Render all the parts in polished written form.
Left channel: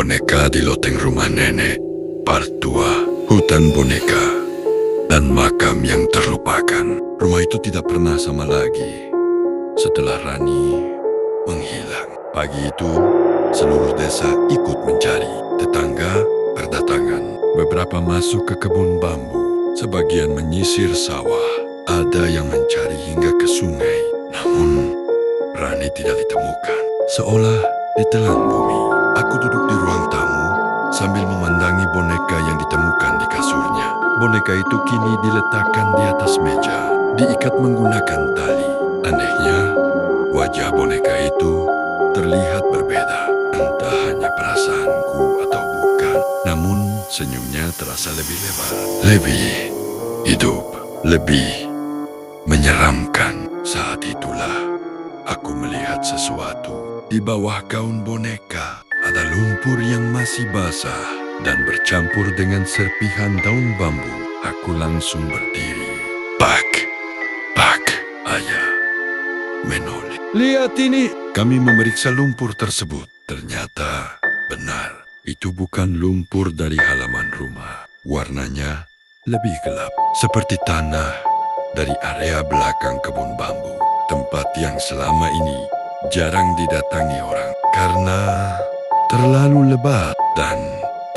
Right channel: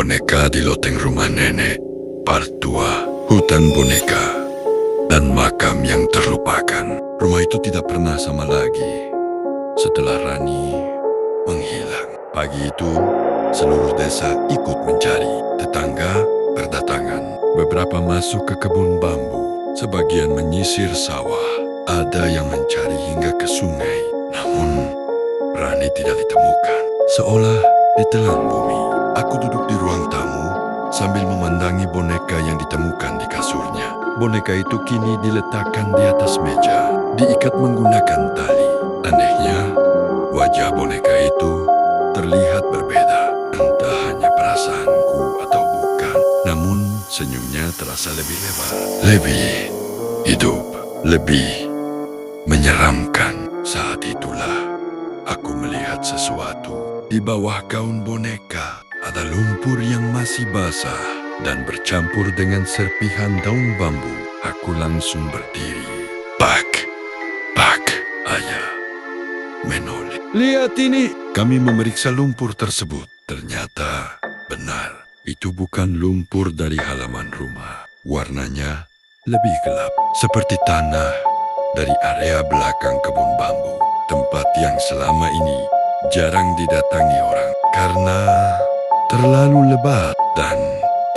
Boneka di loteng rumah nenek, part 2, hutan boneka, dan makam yang terlupakan. Rumah itu tidak pernah sama lagi setelah Rani menghilang. Pagi itu, seluruh desa ikut mencari. Tetangga berdatangan. Beberapa masuk ke kebun bambu. Sebagian menyisir sawah. Ada yang mencari hingga ke sungai. Namun, Rani tidak ditemukan. Seolah ditelan bumi. Aku duduk di ruang tamu sambil memandangi boneka yang ditemukan di kasurnya. Boneka itu kini diletakkan di atas meja, diikat menggunakan tali. Anehnya, wajah boneka itu terlihat berbeda. Entah hanya perasaanku atau bukan. Namun senyumnya terasa lebih lebar, lebih hidup, lebih menyeramkan. Saat itulah aku melihat sesuatu. Di bawah gaun boneka ada lumpur yang masih basah dan bercampur dengan serpihan daun bambu. Aku langsung berdiri. Pak, ayah menoleh. Lihat ini. Kami memeriksa lumpur tersebut. Ternyata benar. Itu bukan lumpur dari halaman rumah. Warnanya lebih gelap. Seperti tanah dari area belakang kebun bambu. Tempat yang selama ini jarang didatangi orang. Karena terlalu lebat dan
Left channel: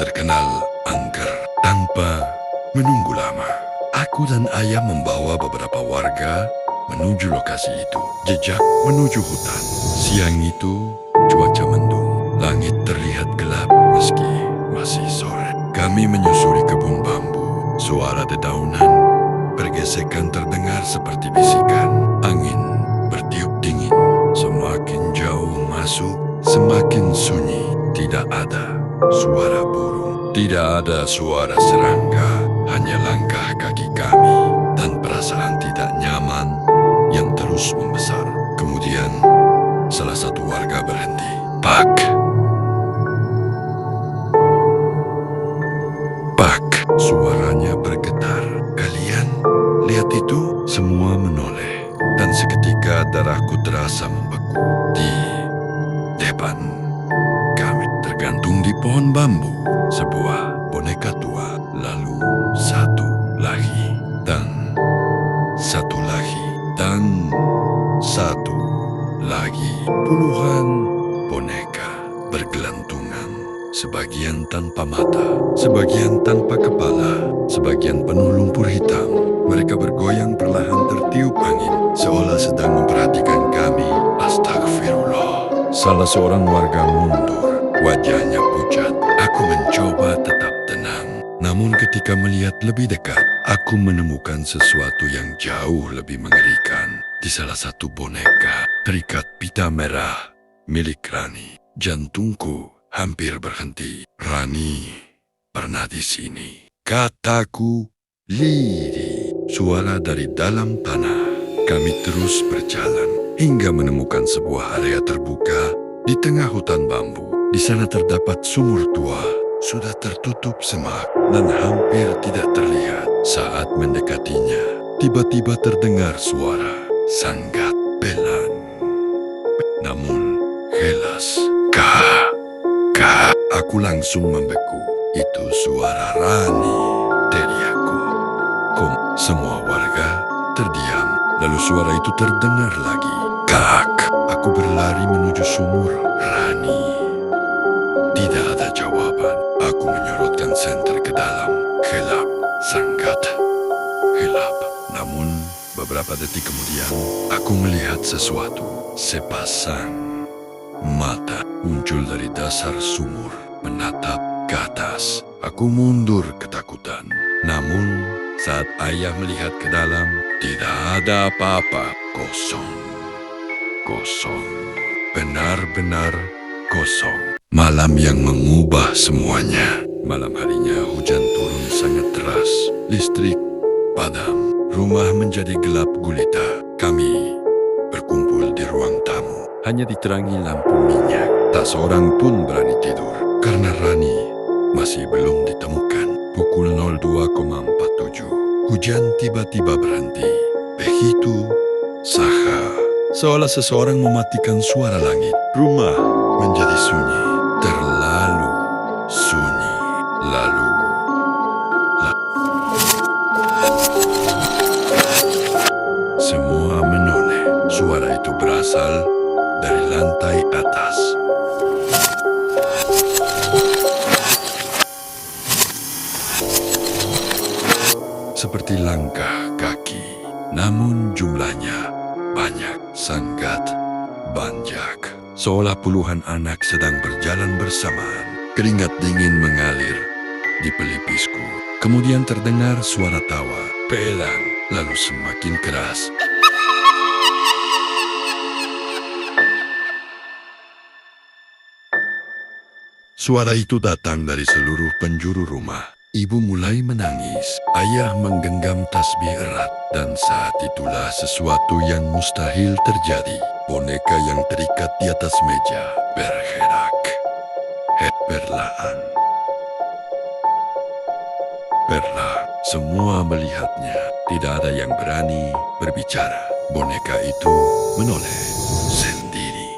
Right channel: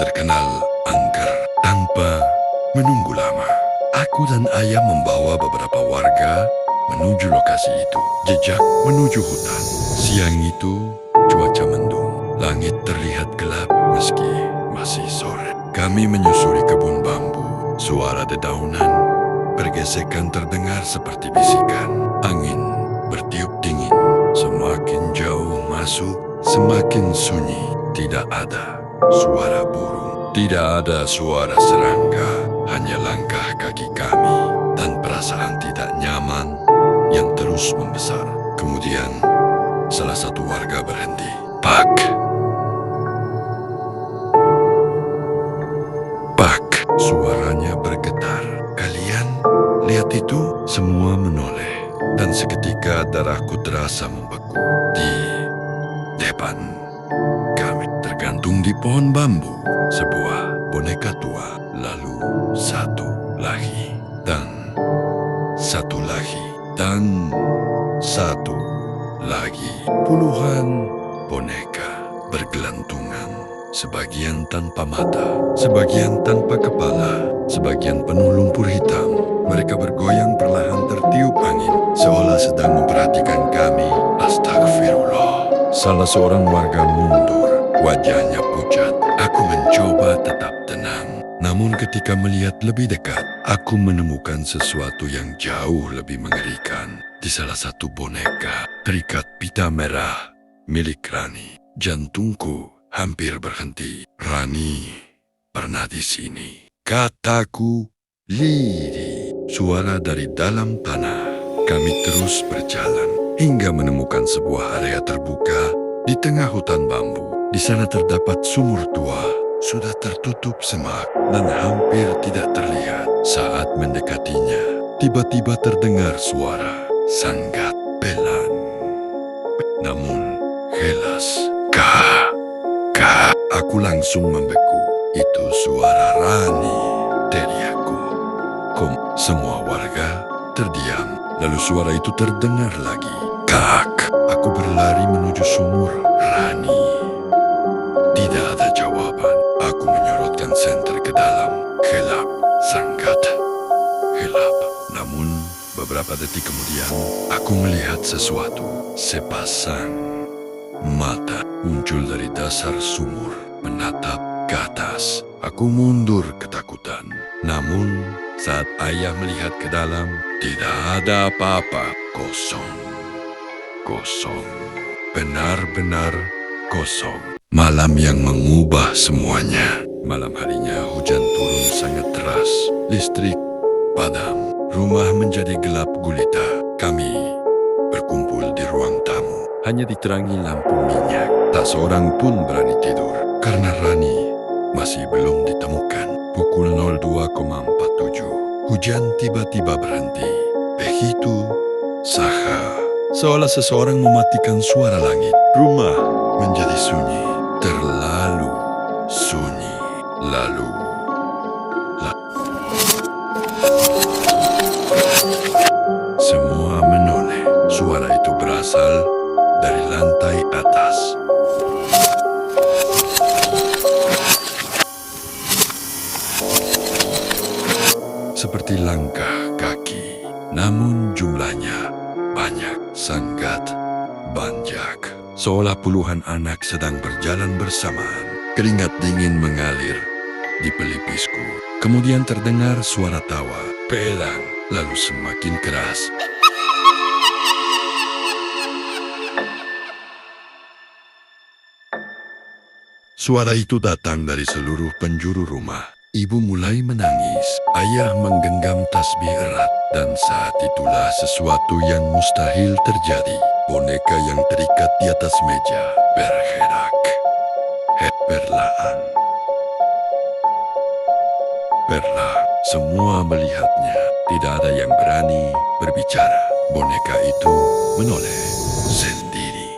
terkenal angker. Tanpa menunggu lama, aku dan ayah membawa beberapa warga menuju lokasi itu. Jejak menuju hutan. Siang itu cuaca mendung. Langit terlihat gelap meski masih sore. Kami menyusuri kebun bambu. Suara dedaunan bergesekan terdengar seperti bisikan. Angin bertiup dingin. Semakin jauh masuk, semakin sunyi. Tidak ada suara burung. Tidak ada suara serangga. Hanya langkah kaki kami dan perasaan tidak nyaman yang terus membesar. Kemudian, salah satu warga berhenti. Pak, suaranya bergetar. Kalian lihat itu? Semua menoleh. Dan seketika darahku terasa membeku. Di depan kami tergantung di pohon bambu sebuah boneka tua. Lalu satu lagi. Dan satu lagi. Dan satu lagi. Puluhan boneka bergelantungan. Sebagian tanpa mata, sebagian tanpa kepala, sebagian penuh lumpur hitam. Mereka bergoyang perlahan tertiup angin, seolah sedang memperhatikan kami. Astagfirullah. Salah seorang warga mundur, wajahnya pucat. Aku mencoba tetap tenang. Namun ketika melihat lebih dekat, aku menemukan sesuatu yang jauh lebih mengerikan. Di salah satu boneka, terikat pita merah milik Rani. Jantungku hampir berhenti. Rani pernah di sini. Kataku lirih. Suara dari dalam tanah. Kami terus berjalan hingga menemukan sebuah area terbuka di tengah hutan bambu. Di sana terdapat sumur tua. Sudah tertutup semak dan hampir tidak terlihat. Saat mendekatinya, tiba-tiba terdengar suara sangat pelan. Namun jelas. Aku langsung membeku. Itu suara Rani, teriakku. Semua warga terdiam. Lalu suara itu terdengar lagi. Kak. Aku berlari menuju sumur. Rani. Tidak ada jawaban. Aku menyorotkan senter ke dalam. Gelap. Sangat gelap. Namun beberapa detik kemudian, aku melihat sesuatu. Sepasang mata muncul dari dasar sumur, menatap ke atas. Aku mundur ketakutan. Namun, saat ayah melihat ke dalam, tidak ada apa-apa. Kosong. Kosong. Benar-benar kosong. Malam yang mengubah semuanya. Malam harinya hujan turun sangat deras. Listrik padam. Rumah menjadi gelap gulita. Kami berkumpul di ruang tamu. Hanya diterangi lampu minyak. Tak seorang pun berani tidur. Karena Rani masih belum ditemukan. Pukul 02,47. Hujan tiba-tiba berhenti. Begitu saha. Seolah seseorang mematikan suara langit. Rumah menjadi sunyi. Terlalu Lalu, semua menoleh. Suara itu berasal dari lantai atas. Seperti langkah kaki, namun jumlahnya banyak, sangat banyak. Seolah puluhan anak sedang berjalan bersamaan. Keringat dingin mengalir di pelipisku. Kemudian terdengar suara tawa, pelang, lalu semakin keras. Suara itu datang dari seluruh penjuru rumah. Ibu mulai menangis. Ayah menggenggam tasbih erat. Dan saat itulah sesuatu yang mustahil terjadi. Boneka yang terikat di atas meja bergerak. Perlahan. Perlahan. Semua melihatnya. Tidak ada yang berani berbicara. Boneka itu menoleh sendiri.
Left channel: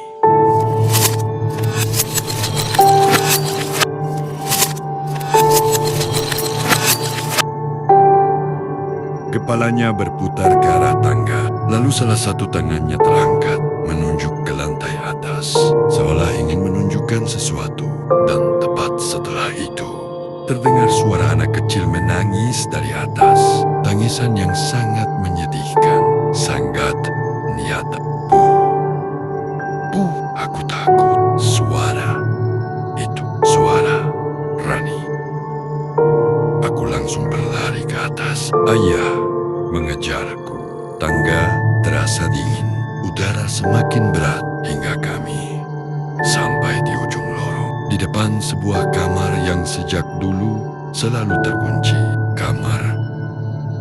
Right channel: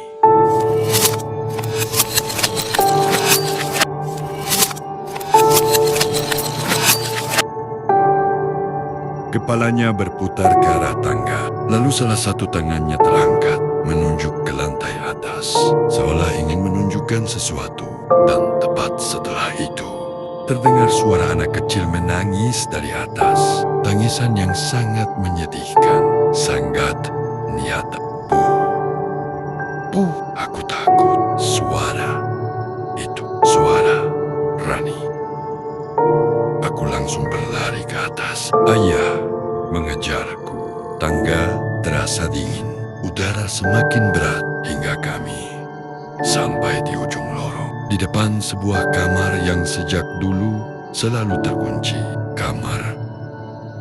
Kepalanya berputar ke arah tangga, lalu salah satu tangannya terangkat, menunjuk ke lantai atas, seolah ingin menunjukkan sesuatu. Dan tepat setelah itu, terdengar suara anak kecil menangis dari atas. Tangisan yang sangat menyedihkan, sangat nyata. Puh, aku takut. Suara itu, suara Rani. Aku langsung berlari ke atas. Ayah mengejarku. Tangga terasa dingin. Udara semakin berat hingga kami sampai di ujung lorong. Di depan sebuah kamar yang sejak dulu selalu terkunci. Kamar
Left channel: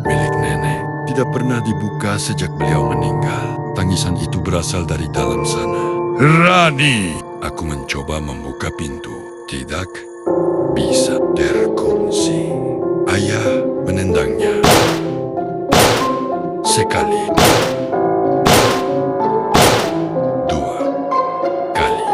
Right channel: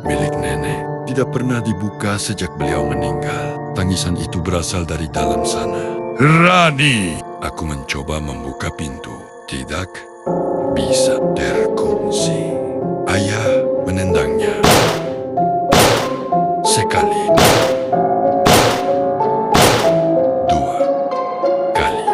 milik nenek. Tidak pernah dibuka sejak beliau meninggal. Tangisan itu berasal dari dalam sana. Rani! Aku mencoba membuka pintu. Tidak bisa terkunci. Ayah menendangnya. Sekali. Dua kali.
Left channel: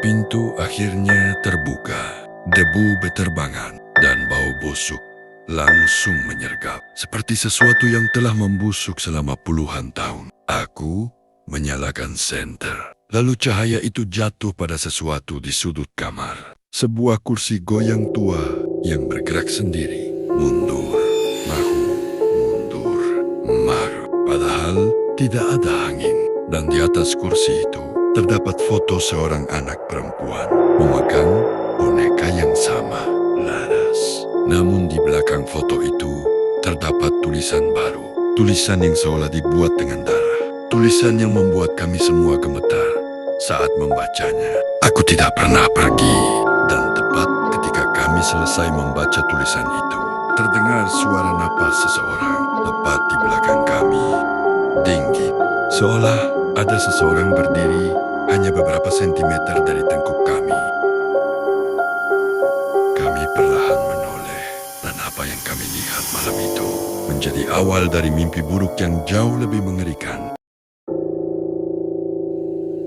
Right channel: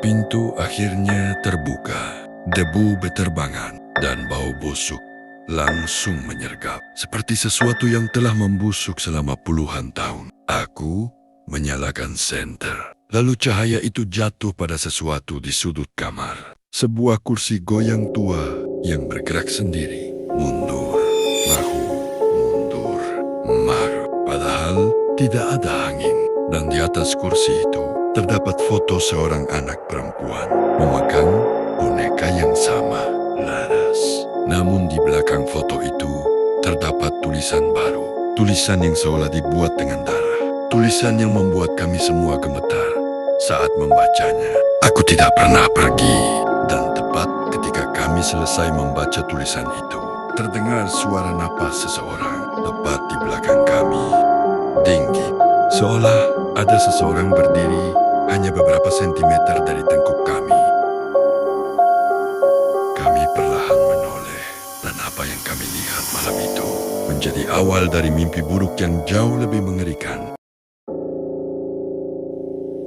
Pintu akhirnya terbuka. Debu beterbangan dan bau busuk langsung menyergap. Seperti sesuatu yang telah membusuk selama puluhan tahun. Aku menyalakan senter. Lalu cahaya itu jatuh pada sesuatu di sudut kamar. Sebuah kursi goyang tua yang bergerak sendiri. Mundur, mahu, mundur, maru. Padahal tidak ada angin. Dan di atas kursi itu terdapat foto seorang anak perempuan memegang boneka yang sama, laras. Namun di belakang foto itu terdapat tulisan baru. Tulisan yang seolah dibuat dengan darah. Tulisan yang membuat kami semua gemetar saat membacanya. Aku tidak pernah pergi. Dan tepat ketika kami selesai membaca tulisan itu, terdengar suara napas seseorang tepat di belakang kami. Tinggi, seolah ada seseorang berdiri hanya beberapa sentimeter dari tengkuk kami. Kami perlahan menoleh, dan apa yang kami lihat malam itu menjadi awal dari mimpi buruk yang jauh lebih mengerikan.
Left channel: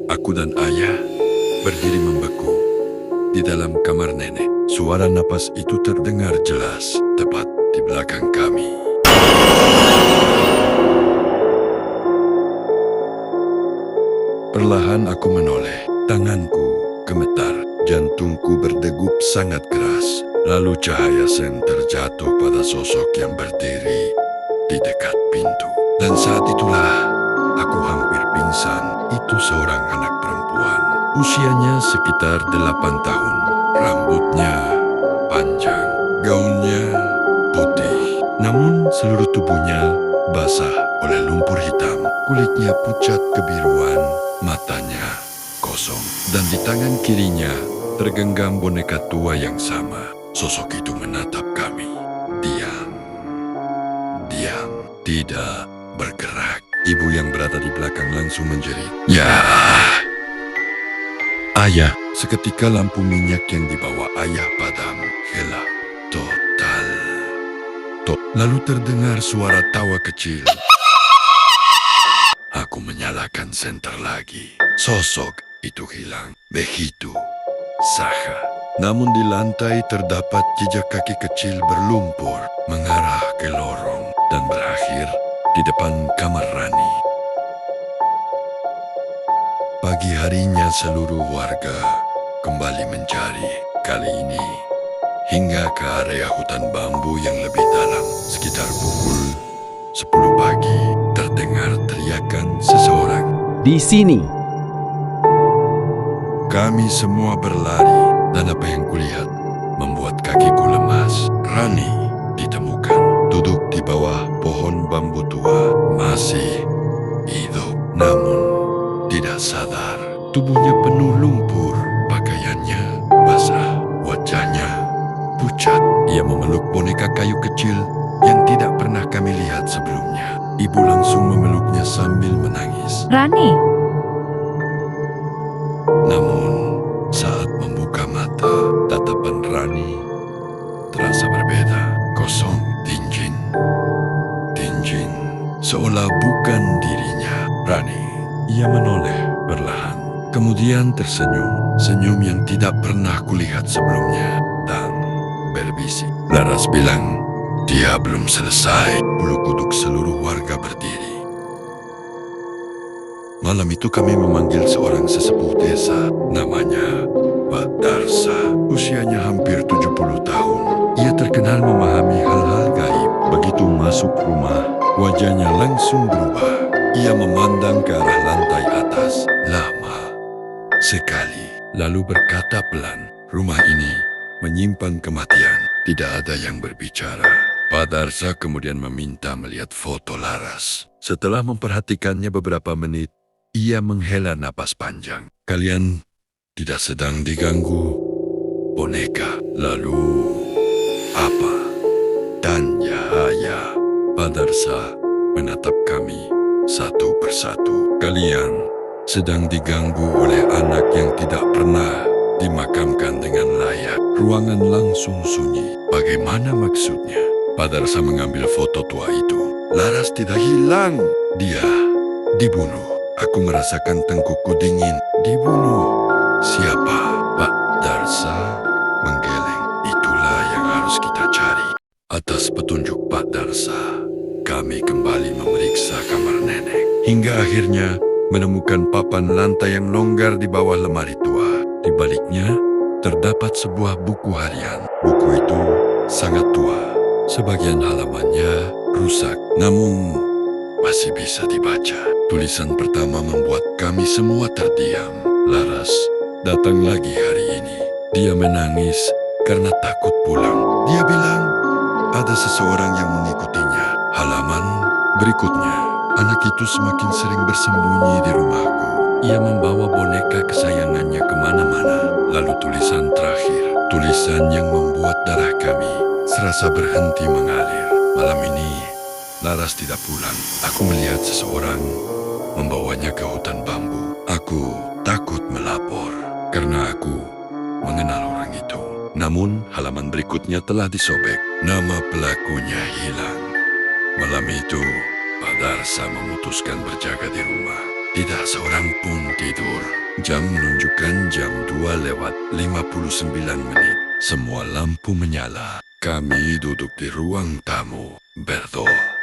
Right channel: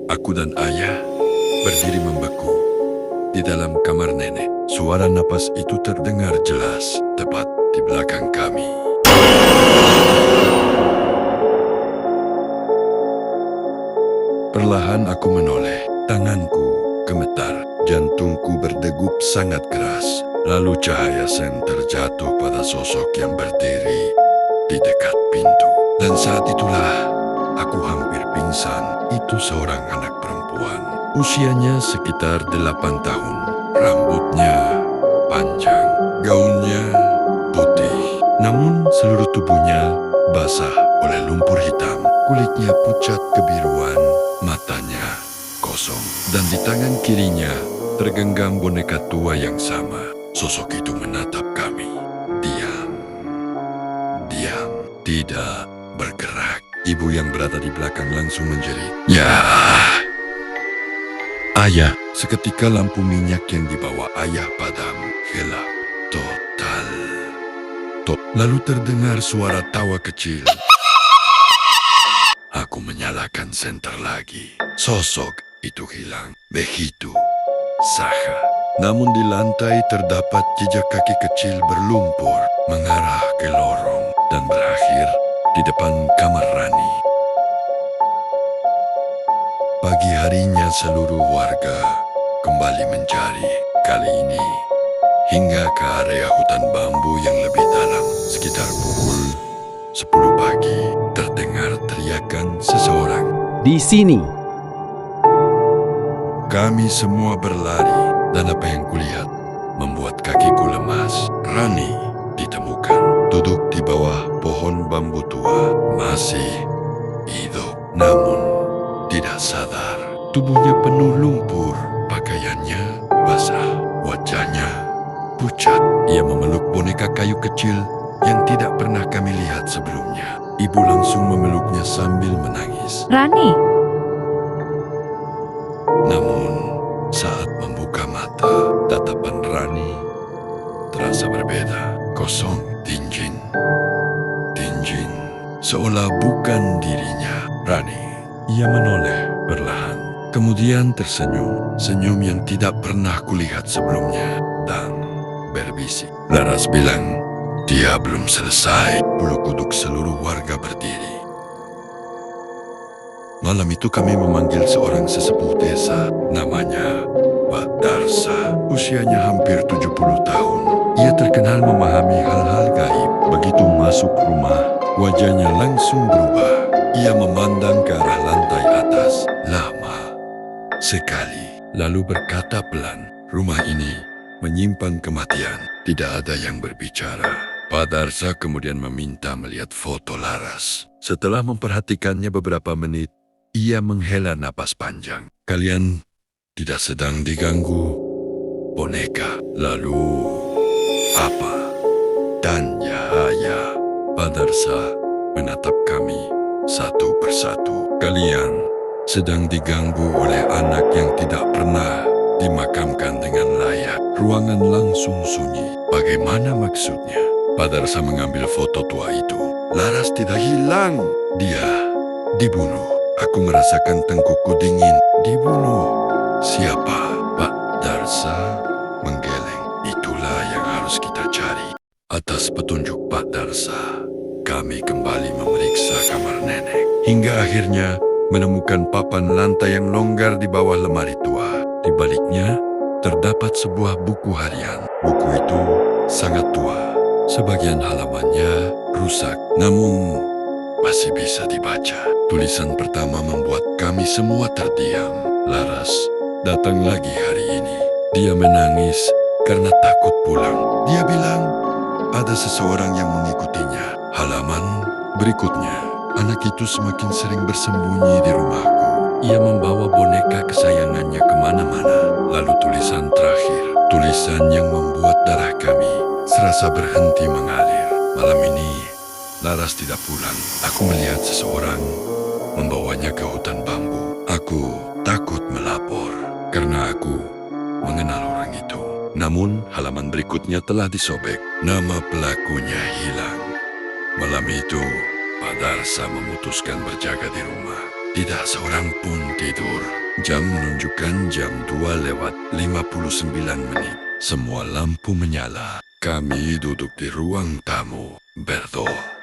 Aku dan ayah berdiri membeku. Di dalam kamar nenek, suara napas itu terdengar jelas, tepat di belakang kami. Perlahan aku menoleh, tanganku gemetar, jantungku berdegup sangat keras. Lalu cahaya senter jatuh pada sosok yang berdiri di dekat pintu. Dan saat itulah aku hampir pingsan. Itu seorang anak perempuan. Usianya sekitar 8 tahun. Rambutnya panjang. Gaunnya putih. Namun seluruh tubuhnya basah oleh lumpur hitam. Kulitnya pucat kebiruan. Matanya kosong. Dan di tangan kirinya tergenggam boneka tua yang sama. Sosok itu menatap kami. Diam. Diam. Tidak bergerak. Ibu yang berada di belakang langsung menjerit. Ya. Ayah. Seketika lampu minyak yang dibawa ayah padam. Gelap. Total. Lalu terdengar suara tawa kecil. Aku menyalakan senter lagi. Sosok itu hilang. Begitu Saha. Namun di lantai terdapat jejak kaki kecil berlumpur mengarah ke lorong dan berakhir di depan kamar Rani. Pagi harinya seluruh warga kembali mencari, kali ini hingga ke area hutan bambu yang lebih dalam. Sekitar pukul 10 pagi terdengar teriakan seseorang. Di sini. Kami semua berlari dan apa yang kulihat membuat kakiku lemas. Rani ditemukan duduk di bawah pohon bambu tua, masih hidup namun tidak sadar. Tubuhnya penuh lumpur, pakaiannya basah, wajahnya pucat. Ia memeluk boneka kayu kecil yang tidak pernah kami lihat sebelumnya. Ibu langsung memeluknya sambil menangis. Rani, Namun saat membuka mata, tatapan Rani terasa berbeda. Kosong, tinjin, seolah bukan dirinya. Rani, ia menoleh perlahan, kemudian tersenyum. Senyum yang tidak pernah kulihat sebelumnya dan berbisik. Laras bilang, dia belum selesai. Bulu kuduk seluruh warga berdiri. Malam itu kami memanggil seorang sesepuh desa, namanya Pak Darsa. Usianya hampir 70 tahun. Ia terkenal memahami hal-hal gaib. Begitu masuk rumah, wajahnya langsung berubah. Ia memandang ke arah lantai atas lama sekali, lalu berkata pelan, "Rumah ini menyimpan kematian, tidak ada yang berbicara." Pak Darsa kemudian meminta melihat foto Laras. Setelah memperhatikannya beberapa menit, ia menghela napas panjang. "Kalian tidak sedang diganggu boneka. Lalu apa?" Tanya ayah. Pak Darsa menatap kami satu persatu. "Kalian sedang diganggu oleh anak yang tidak pernah dimakamkan dengan layak." Ruangan langsung sunyi. "Bagaimana maksudnya?" Pak Darsa mengambil foto tua itu. "Laras tidak hilang. Dia dibunuh." Aku merasakan tengkukku dingin. "Dibunuh? Siapa?" Pak Darsa menggeleng. "Itulah yang harus kita cari." Atas petunjuk Pak Darsa, kami kembali memeriksa kamar nenek. Hingga akhirnya menemukan papan lantai yang longgar di bawah lemari tua. Di baliknya terdapat sebuah buku harian. Buku itu sangat tua. Sebagian halamannya rusak, namun masih bisa dibaca. Tulisan pertama membuat kami semua terdiam. Laras datang lagi hari ini. Dia menangis karena takut pulang. Dia bilang ada seseorang yang mengikutinya. Halaman berikutnya, anak itu semakin sering bersembunyi di rumahku. Ia membawa boneka kesayangannya kemana-mana. Lalu tulisan terakhir, tulisan yang membuat darah kami serasa berhenti mengalir. Malam ini Laras tidak pulang. Aku melihat seseorang membawanya ke hutan bambu. Aku takut melapor karena aku mengenal orang itu. Namun halaman berikutnya telah disobek. Nama pelakunya hilang. Malam itu Pak Darsa memutuskan berjaga di rumah. Tidak seorang pun tidur. Jam menunjukkan jam 2:59. Semua lampu menyala. Kami duduk di ruang tamu, berdoa,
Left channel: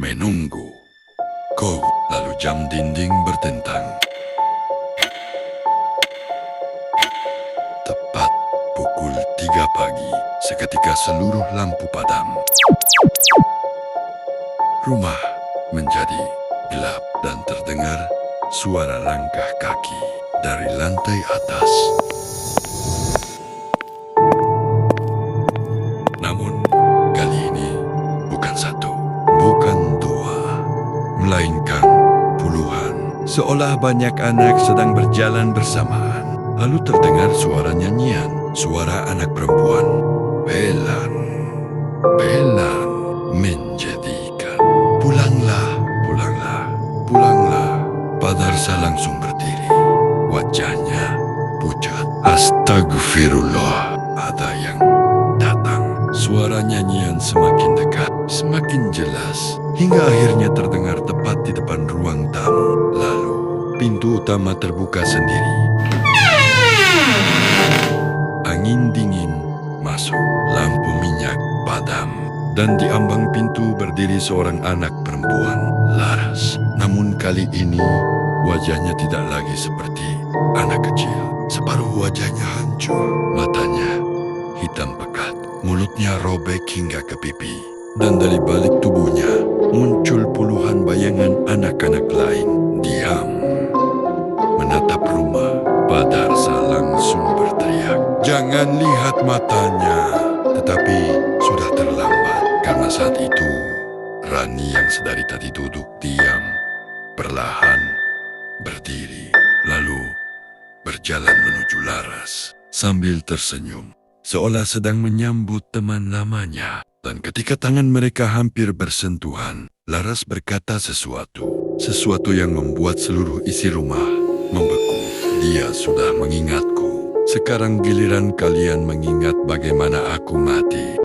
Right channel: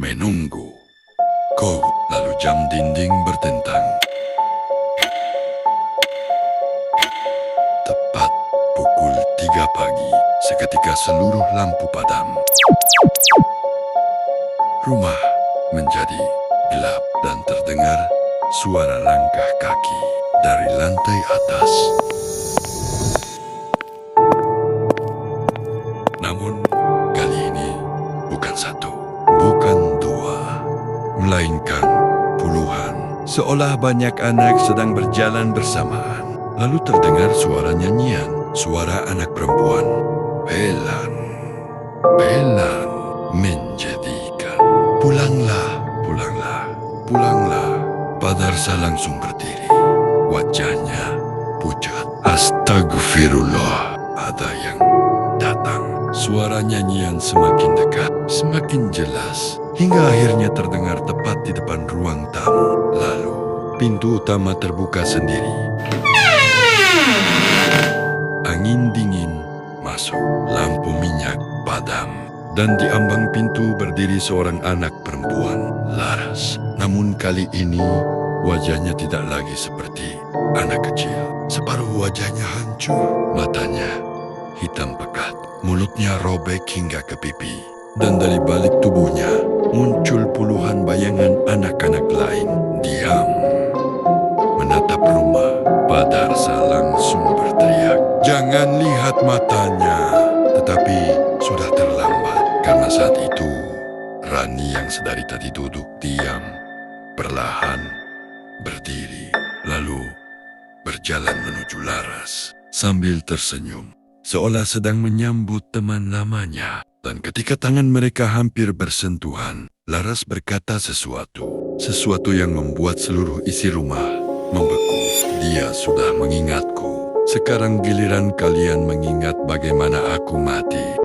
menunggu. Lalu jam dinding bertentang. Tepat pukul 3 pagi, seketika seluruh lampu padam. Rumah menjadi gelap dan terdengar suara langkah kaki dari lantai atas. Namun kali ini bukan satu, bukan dua, melainkan puluhan. Seolah banyak anak sedang berjalan bersamaan. Lalu terdengar suara nyanyian, suara anak perempuan. Pelan, pelan menjadikan. Pulanglah, pulanglah, pulanglah. Pak Darsa langsung berdiri. Wajahnya pucat. Astagfirullah, ada yang datang. Suara nyanyian semakin dekat, semakin jelas, hingga akhirnya terdengar tepat di depan ruang tamu. Lalu pintu utama terbuka sendiri. Angin dingin masuk, lampu minyak padam, dan di ambang pintu berdiri seorang anak perempuan, Laras. Namun kali ini wajahnya tidak lagi seperti anak kecil. Separuh wajahnya hancur, matanya hitam pekat, mulutnya robek hingga ke pipi. Dan dari balik tubuhnya muncul puluhan bayangan anak-anak lain, diam, menatap rumah. Padarsa langsung berteriak, "Jangan lihat matanya!" Tetapi sudah terlambat, karena saat itu Rani yang sedari tadi duduk diam, perlahan berdiri, lalu berjalan menuju Laras sambil tersenyum, seolah sedang menyambut teman lamanya. Dan ketika tangan mereka hampir bersentuhan, Laras berkata sesuatu yang membuat seluruh isi rumah membeku. "Dia sudah mengingatku. Sekarang giliran kalian mengingat bagaimana aku mati."